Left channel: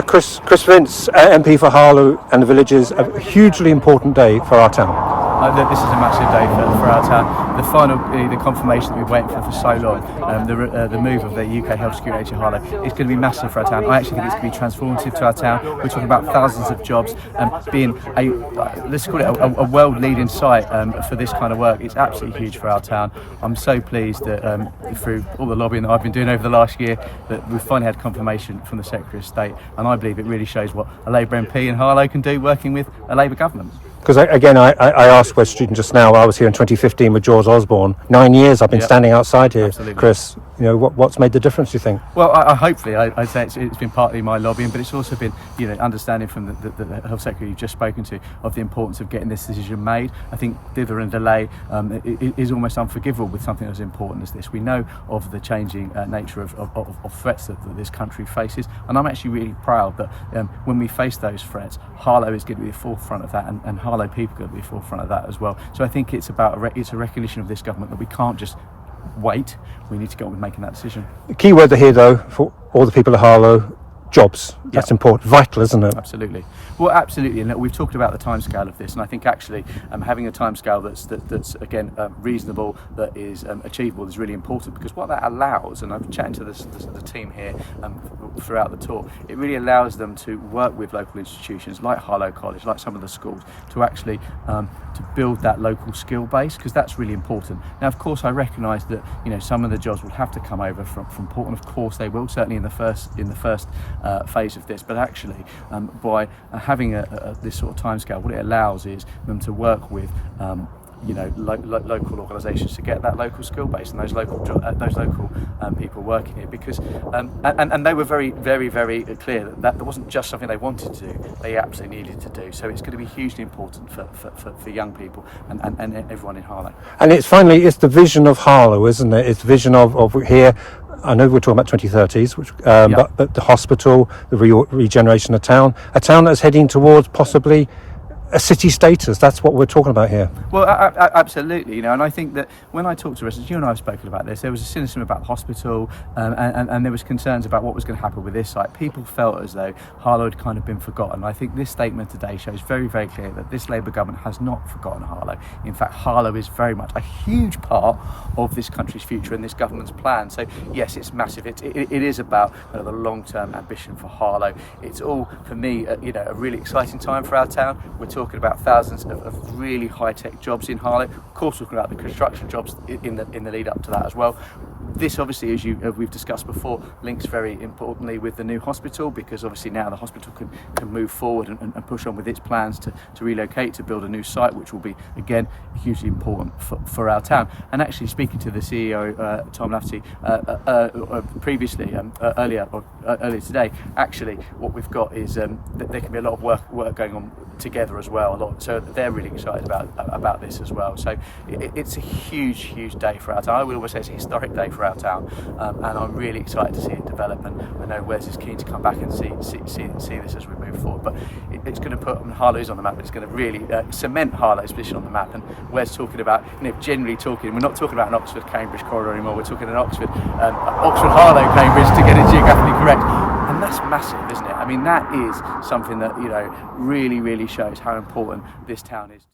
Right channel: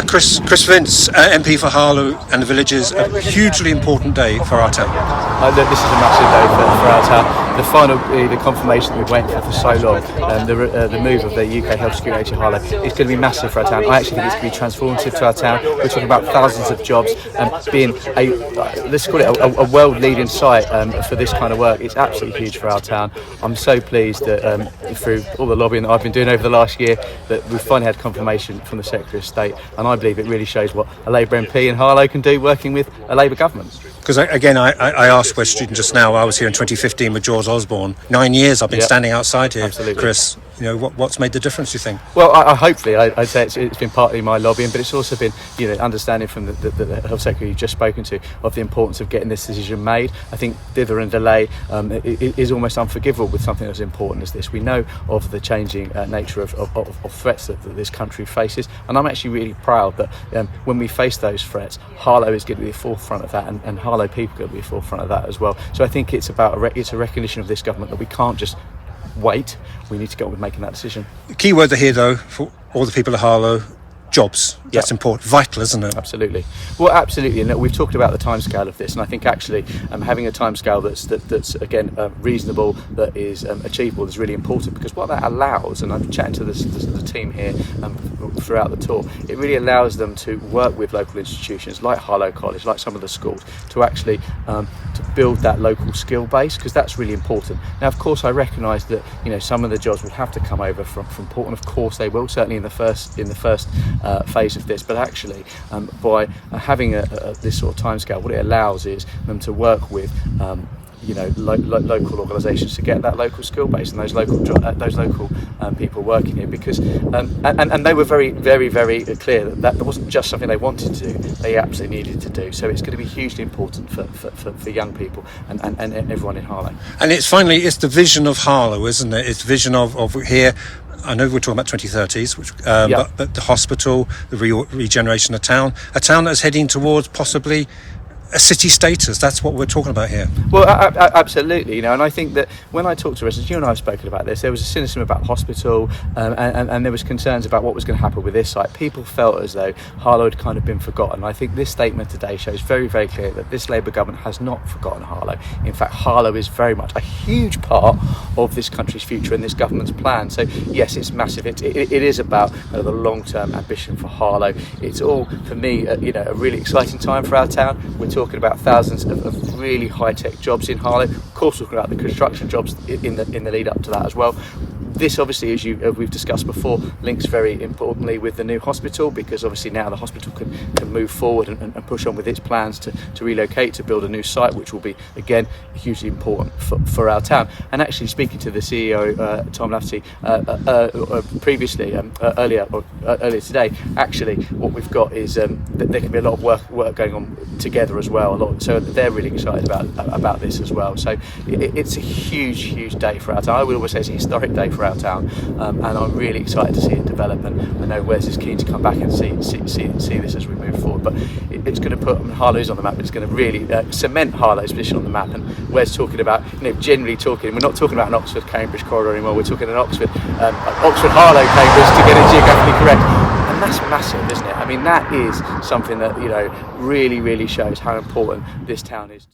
Chris Vince, MP for Harlow and the Villages, a hugely important day for our town. Look, this is a massive day for our town. The confirmation that we've waited for so long, the move of the UKHSA Harlow, is going to be massive for our town. I actually think it's going to be transformative to our town. We're talking about thousands of jobs, being let's call it a world-leading site for this kind of work. It's absolutely huge for our town. I'm so pleased that through all the lobbying that I've been doing over the last year, that we've finally had confirmation from the Secretary of State, and I believe it really shows what a Labour MP in Harlow can do working with a Labour government. Because again, I asked West Student just now. I was here in 2015 with George Osborne. 9 years I've been standing outside here. Absolutely. Chris, you know, what's made the difference, do you think? Well, hopefully, I'd say it's been partly my lobbying, but it's also been, understanding from the Health Secretary you've just spoken to of the importance of getting this decision made. I think dither and delay is almost unforgivable with something as important as this. We know of the changing nature of threats that this country faces, and I'm actually really proud that when we face those threats, Harlow is going to be the forefront of that, and Harlow people are going to be the forefront of that as well. So I think it's about it's a recognition of this government that we can't just wait. We need to get on with making that decision. The key word here, though, for all the people of Harlow: jobs. That's important, vital, isn't it? Absolutely. Well, absolutely. And we've talked about the timescale of this, and I think actually having a timescale that's again reasonable, that is achievable, is really important, because what that allows, and I'm chatting to the team here throughout the tour, it really allows them to work with local institutions like Harlow College, like some of the schools, to actually to build that local skill base, because that's really important. Now, of course, I recognise that some of the jobs will have to come over from Portland. Of course, they will, certainly in the first phase of this. But actually, by having this sort of timescale, what it allows is them to work with local organisations to get that local skill base and those local people working here, because and they were very, very, very clear that wasn't just something they wanted to do, they absolutely needed to do. So it's going to be hugely important for young people and everyone in Harlow. And it's the vision of Harlow, isn't it? It's the vision of here. I know we're talking about 2030s, but the hospital, the regeneration of town, a town that's heading towards possibly a city status. That's what we're talking about here. Well, absolutely, and I think that when I talk to residents, you and I have spoken about this, there was a cynicism about the hospital, and there was concerns about what was going to happen with this site. People felt as though Harlow had kind of been forgotten. I think this statement today shows very, very clear that this Labour government has not forgotten Harlow. In fact, Harlow is very much a huge part of this country's future and this government's plan. So yes, it's massive. It is about the long-term ambition for Harlow. It's all, for me, a really exciting time for our town. We're talking about thousands of really high-tech jobs in Harlow. Of course, we're talking about the construction jobs in the lead up to that as well. This obviously, as we've discussed before, links very importantly with the new hospital, because obviously now the hospital can move forward and push on with its plans to relocate, to build a new site, which will be, again, hugely important for our town. And actually, speaking to the CEO, Tom Lafferty, previously, earlier today, actually what we've got is that there can be a lot of work going on together as well. So they're really excited about this as well. So it's a huge day for our town. I would always say it's a historic day for our town, and I'm really excited to see it develop. And I know Wes is keen to come back and see this as we move forward. But it's going to put Harlow's on the map. It's going to really cement Harlow's position on the map. And Wes talking about, generally talking, we're not talking about an Oxford-Cambridge corridor anymore. We're talking an Oxford-Harlow-Cambridge, to get it geographically correct. And that's massive, isn't it? I mean, that is something that really, really shows how important this town is.